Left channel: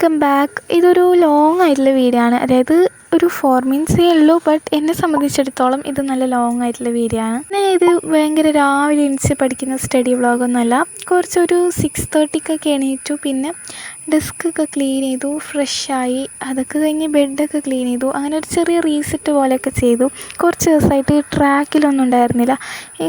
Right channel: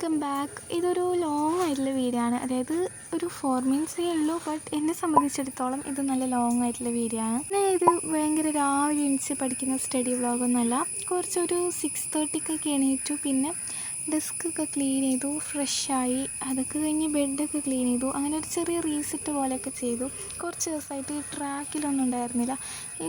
Welcome back. ഇതൊരു long ആയിട്ടുള്ള video ആണ്. അതായത് ഒരു 4 മിനിറ്റ്സേ ഉള്ളൂ. ബട്ട് എന്നെ സംബന്ധിച്ചിടത്തോളം ഇത് നല്ല ലോങ് ആയിട്ടുള്ള വീഡിയോ ആണ്. ഇത് ഭയങ്കര രാവിലെ എണീച്ച് പഠിക്കുന്ന സ്റ്റഡി വ്ളോഗൊന്നുമല്ല. കുറച്ചൊരു 6:30 എണീറ്റു. പിന്നെ ഡെസ്കൊക്കെ ക്ലീൻ ചെയ്തു, ഫ്രഷായി. അതൊക്കെ കഴിഞ്ഞ് ബെഡൊക്കെ ക്ലീൻ ചെയ്തു. അങ്ങനെ ഒരു ചെറിയ റീസെറ്റ് പോലെയൊക്കെ ചെയ്തു. കുറച്ച് ദിവസമായിട്ട് ട്രാക്കിലൊന്നും ഉണ്ടായിരുന്നില്ല.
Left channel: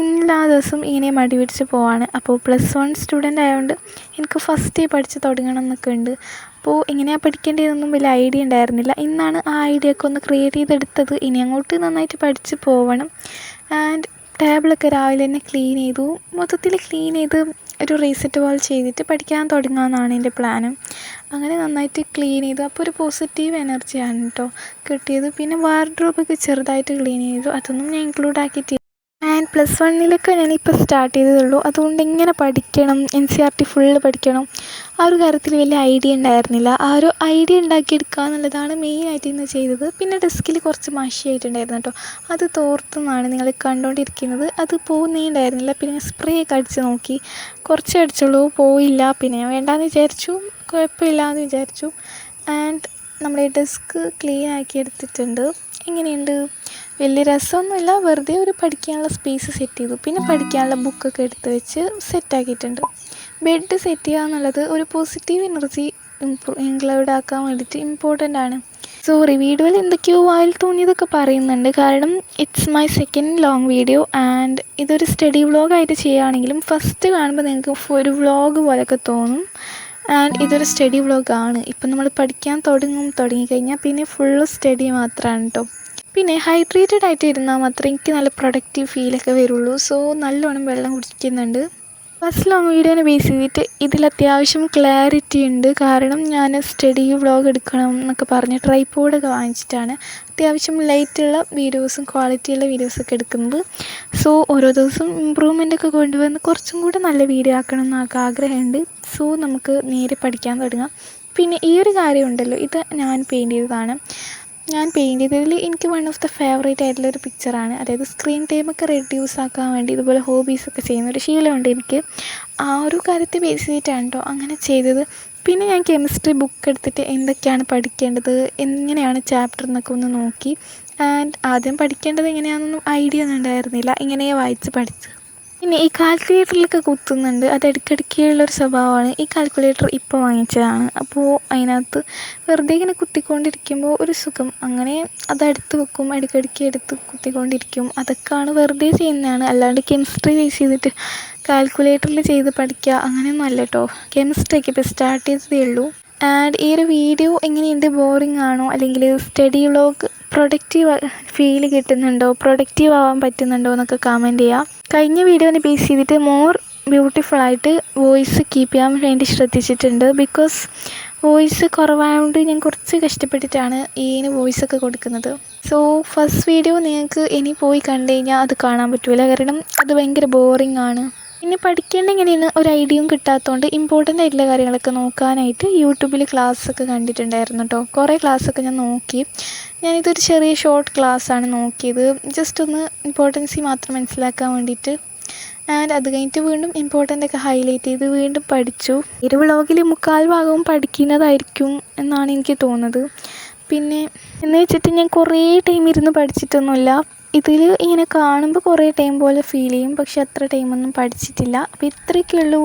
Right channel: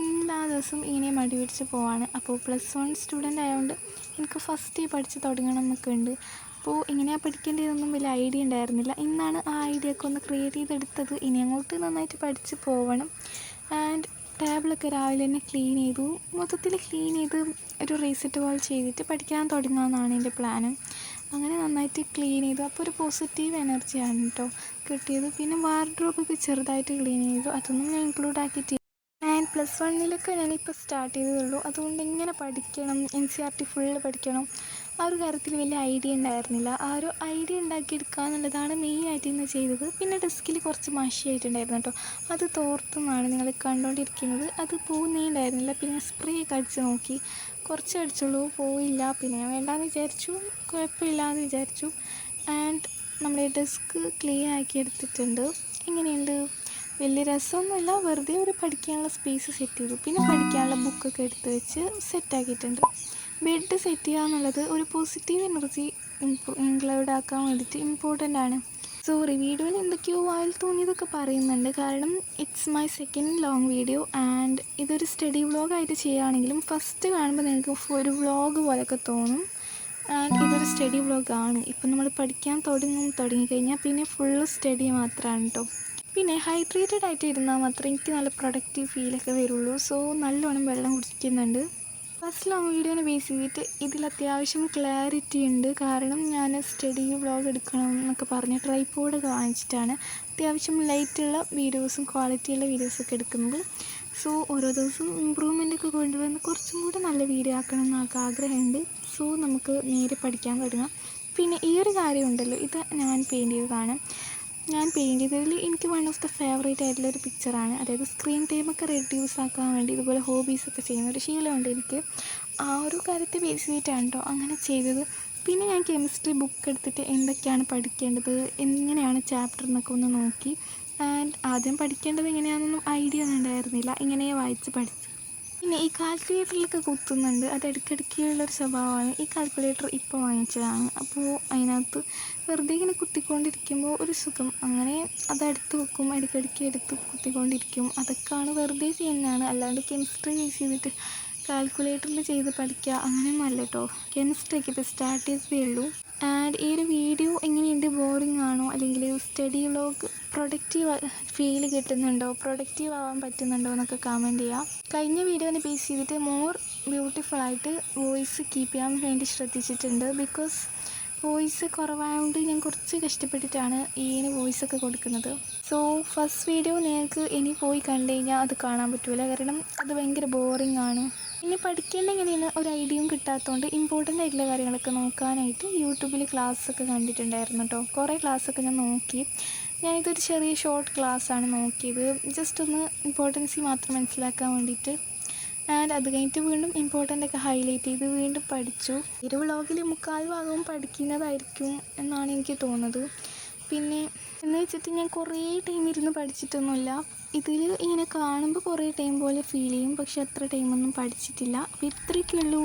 എല്ലാ ദിവസവും ഇങ്ങനെ മടി പിടിച്ച് പോവാണ്. അപ്പോൾ +1 സ്റ്റുഡൻ്റ് ആയതുകൊണ്ട് എനിക്ക് ഫസ്റ്റ് പഠിച്ച് തുടങ്ങണം എന്നൊക്കെ ഉണ്ട്. അപ്പോൾ എങ്ങനെയാണ് പഠിക്കേണ്ടതെന്നൊന്നും വലിയ ഐഡിയ ഉണ്ടായിരുന്നില്ല. ഇന്നാണ് ആ ഐഡിയ ഒക്കെ ഒന്ന് ക്രിയേറ്റ് ചെയ്തെടുത്തത്. ഇനി അങ്ങോട്ട് നന്നായിട്ട് പഠിച്ച് പോവണം. ആൻഡ് ടേബിളൊക്കെ രാവിലെ തന്നെ ക്ലീൻ ചെയ്തു. മൊത്തത്തിൽ ക്ലീൻ ചെയ്ത് ഒരു റീസെറ്റ് പോലെ ചെയ്തിട്ട് പഠിക്കാൻ തുടങ്ങാമെന്നാണ് എൻ്റെ പ്ലാനും. അങ്ങനെ നന്നായിട്ട് ക്ലീൻ ചെയ്തു. അപ്പോൾ ഒരു പോസിറ്റീവ് എനർജിയാണ് കേട്ടോ കിട്ടിയത്. പിന്നെ വാർഡ്രോബൊക്കെ ചെറുതായിട്ട് ക്ലീൻ ചെയ്തു. അതൊന്നും ഞാൻ ഇൻക്ലൂഡ് ആക്കിയിട്ടില്ല. ആൻഡ് +1 ഞാനിപ്പോൾ സ്റ്റാർട്ട് ചെയ്തതുള്ളൂ. അതുകൊണ്ട് എങ്ങനെ പഠിക്കണം, NCERT ഫുള്ള് പഠിക്കണം, ആ ഒരു കാര്യത്തിൽ വലിയ ഐഡിയ ഉണ്ടായിരുന്നില്ല. ആ ഒരു ഐഡിയ ഉണ്ടാക്കിയെടുക്കുക എന്നുള്ളതാണ് മെയിനായിട്ട് ഇന്ന് ചെയ്തത്. പിന്നെ ഡെസ്കിൽ കുറച്ച് മഷിയായിട്ടുണ്ടായിരുന്നു കേട്ടോ. അത് തോർത്തെന്നാണ് നിങ്ങൾ കണ്ടുകൊണ്ടിരിക്കുന്നത്. അത് പോകുന്നേ ഉണ്ടായിരുന്നില്ല. പിന്നെ സ്പ്രേ ഒക്കെ അടിച്ച് നോക്കി, കുറച്ച് അടിച്ചുള്ളൂ, പോയില്ല. പിന്നെ ഞാൻ വേണ്ടാന്ന് വിചാരിച്ചു, കുഴപ്പമില്ല എന്ന് വിചാരിച്ചു. ആൻഡ് നമ്മുടെ ഡെസ്ക് ക്ലീൻ ആക്കി എടുത്തിട്ടുണ്ട്. എങ്ങനെയുണ്ട്? വലിയ രസമൊന്നുമില്ല, വെറുതെ ഒരു പഠിക്കാനുള്ള സ്പേസ് സെറ്റ് ചെയ്തു. പിന്നെ പഠിക്കാനുള്ള ബുക്കൊക്കെ എടുത്ത് വെച്ച് സെറ്റാക്കിയിട്ടുണ്ട്. ബെഡ് സെറ്റ് ചെയ്യുക എന്നുള്ളത് ഒരു പോസിറ്റീവ് എനർജി ഇൻക്ലൂഡ് ആക്കാൻ വേണ്ടിയിട്ട് ഇമ്പോർട്ടൻ്റ് ആണ്. സോറി, വീഡിയോയിൽ എന്തൊക്കെയോ വായിൽ തോന്നിയതൊക്കെ പറയുന്നുണ്ട്. കാരണം it's my second long video. And ഇതൊരു സ്റ്റഡി വ്ളോഗായിട്ട് ചെയ്യുകയാണെങ്കിലും ഫസ്റ്റ് കാണുമ്പോൾ നിങ്ങൾക്ക് ഒരു വ്ളോഗ് പോലെയൊക്കെ തോന്നും. ആൻഡ് ഇതൊരു സ്റ്റഡി വ്ളോഗാണ്. ഇപ്പം നമ്മൾ പഠിക്കാൻ തുടങ്ങിക്കഴിഞ്ഞാൽ പിന്നെ ഫുള്ള് സ്റ്റഡി മാത്രമാണ് കേട്ടോ. പിന്നെ ഹൈഡ്രേറ്റഡ് ആയിട്ട് ഇരുന്നാൽ മാത്രമേ എനിക്ക് നല്ല പ്രൊഡക്റ്റീവ് ഫീലൊക്കെ വരുള്ളൂ. സോ നല്ലോണം വെള്ളം കുടിക്കുന്നുണ്ട്. ഫസ്റ്റ് ലോങ് വീഡിയോനെ ബേസ് ചെയ്തിട്ട് ഇതിൽ അത്യാവശ്യം ക്ലാരിറ്റി ഉണ്ട്. കാരണം ഞാൻ സ്റ്റഡി വ്ളോഗ് എടുക്കണം എന്നൊക്കെ പറഞ്ഞ് ട്രൈപോഡൊക്കെ വാങ്ങിച്ചിട്ടാണ് അത്യാവശ്യം ലൈറ്റുള്ള വീഡിയോസും ക്വാളിറ്റിയുള്ള വീഡിയോസൊക്കെ എടുക്കുന്നത്. സോ ഓരോ ദിവസം ഇമ്പ്രൂവ്മെൻ്റൊക്കെ കൊണ്ടുവന്ന് കുറച്ചും കൂടെ നല്ല വീഡിയോ ആക്കണം എന്നൊക്കെ ആഗ്രഹമുണ്ട്. സോ നമുക്ക് നേരെ പഠിക്കാൻ തുടങ്ങാം. പിന്നെ ഈ ഒരു കാര്യം ഉണ്ടല്ലോ, ഇത് ഞാൻ പെയിൻറ്റ് ചെയ്തതാണ്. ഞാൻ പെയിൻറ്റ് ചെയ്തതിൽ എനിക്ക് വൺ ഓഫ് ദ ഫേവറേറ്റ് ആയിട്ടുള്ളൊരു പിക്ചറാണ്. അതായത് സ്ക്രീൻ ടൈമൊക്കെ റെഡ്യൂസ് ആക്കാൻ വേണ്ടി ഇതുപോലെ ഹോബീസൊക്കെ ചെയ്യുന്നൊരു ശീലമുണ്ട് എനിക്ക്. ആ ഒരു കാര്യത്തെ ബേസ് ചെയ്തിട്ടാണ് കേട്ടോ അങ്ങനെ ചെയ്തത്. പിന്നെ ഞാൻ കെമിസ്ട്രി ബുക്ക് എടുത്തിട്ട് എന്തൊക്കെയാണ് പഠിക്കേണ്ടത്, എങ്ങനെയാണ് ചാപ്റ്റർ എന്നൊക്കെ ഒന്ന് നോക്കി. ആൻഡ് ആദ്യം പഠിക്കേണ്ടത് എങ്ങനെയാണെന്നൊന്നും ഐഡിയ ഒന്നും ഉണ്ടായിരുന്നില്ല. ഇങ്ങനെ വായിച്ച് പഠിച്ചു. പിന്നെ ഈ കാൽക്കുലേറ്ററിലൊക്കെ കുത്തുന്നുണ്ട്. അത് ഇടയ്ക്കിടയ്ക്കുള്ളൊരു സ്വഭാവമാണ്. ഈ കാൽക്കുലേറ്റർ ഇപ്പോൾ വാങ്ങിച്ചതാണ്. അപ്പോൾ അതിനകത്ത് വെറുതെ ഇങ്ങനെ കുത്തിക്കൊണ്ടിരിക്കുമ്പോൾ ഒരു സുഖം. അങ്ങനെ അതെടുത്ത് വെക്കും, ഇടയ്ക്കിടയ്ക്ക് എടുത്ത് കുത്തിക്കൊണ്ടിരിക്കും. അതൊക്കെയാണ് വെറുതെ ചെയ്യുന്നതാണ്. അല്ലാണ്ട് കെമിസ്ട്രി ബേസ് ചെയ്തിട്ട് കാൽക്കുലേറ്ററിൽ ചെയ്ത് പഠിക്കുക അങ്ങനെയൊന്നും അല്ല കേട്ടോ. കെമിസ്ട്രിയൊക്കെ ഇപ്പോൾ സ്റ്റാർട്ട് ചെയ്തതേ ഉള്ളൂ. ആൻഡ് ഈ ഒരു വീഡിയോ എങ്ങനെയുണ്ട്? ബോറിംഗ് ആണോ, അല്ലെങ്കിൽ സ്റ്റഡി വ്ളോഗ് പ്രൊഡക്റ്റീവ് ഫീൽ കിട്ടുന്നുണ്ടോ, പ്രൊഡക്റ്റീവ് ആവാൻ പറ്റുന്നുണ്ടോ എന്നൊക്കെ കമൻറ്റ് ചെയ്യാം. കഴിഞ്ഞ വീഡിയോനെ ബേസ് ചെയ്തിട്ട് മോർ ബ്യൂട്ടിഫുള്ളായിട്ട് വോയിസ് കീപ്പ് ചെയ്യാൻ വേണ്ടി ശ്രദ്ധിച്ചിട്ടുണ്ട്. ബിക്കോസ് വോയിസ് കുറവായതുകൊണ്ട് ഞാൻ കുറച്ച് കഷ്ടപ്പെട്ടിട്ടാണ് ഇതിന് വോയിസൊക്കെ കൊടുക്കുന്നത്. സോ ഫസ്റ്റ് വീഡിയോ നിങ്ങൾക്ക് ഇനി പോയി കണ്ടു കഴിഞ്ഞാൽ അത് കാണാൻ പറ്റില്ല. കാരണം അത് ഭയങ്കര ബോറിംഗ് ആണ്. പിന്നെ പഠിക്കേണ്ട എങ്ങനെയാണ് ഒരു ഐഡിയയും കിട്ടാത്തതുകൊണ്ട് ഇമ്പോർട്ടൻ്റ് ആയിട്ടുള്ള കാര്യങ്ങളൊക്കെ നോക്കാനായിട്ട് യൂട്യൂബിൽ ക്ലാസ്സൊക്കെ കണ്ടിട്ടുണ്ടായിരുന്നു കേട്ടോ. കുറേ ക്ലാസ്സൊക്കെ ഞാൻ നോക്കി. ഞാനിതൊരു ചെറിയ ഷോർട്ട് ക്ലാസ്സാണ് നോക്കിയത്. ജസ്റ്റ് ഒന്ന് ഇമ്പോർട്ടൻസി മാത്രം മനസ്സിലാക്കാൻ വേണ്ടിയിട്ട്. ആൻഡ് അത് കഴിഞ്ഞിട്ട് വീണ്ടും ഇമ്പോർട്ടൻ്റ് ഒക്കെ ഹൈലൈറ്റ് ചെയ്ത് വീണ്ടും പഠിച്ചു. ഒരു വ്ളോഗിൽ 3/4 ഭാഗവും പഠിക്കുന്നതായിരിക്കും എന്നാണ് എനിക്ക് തോന്നുന്നത്. പിന്നെ എന്ന് വെച്ചിട്ട് ഞാൻ കുറേ ടൈം ഇരുന്ന് പഠിച്ചിട്ടൊന്നുമില്ല. ഇതിൽ ഇങ്ങനെ കാണുമ്പോൾ കുറേ ടൈം പോലെ ഫീൽ ചെയ്യും, പക്ഷെ അത്ര ടൈമൊന്നും പഠിച്ചിട്ടില്ല. അപ്പോൾ ഇത്രയൊക്കെ ഉള്ളൂ.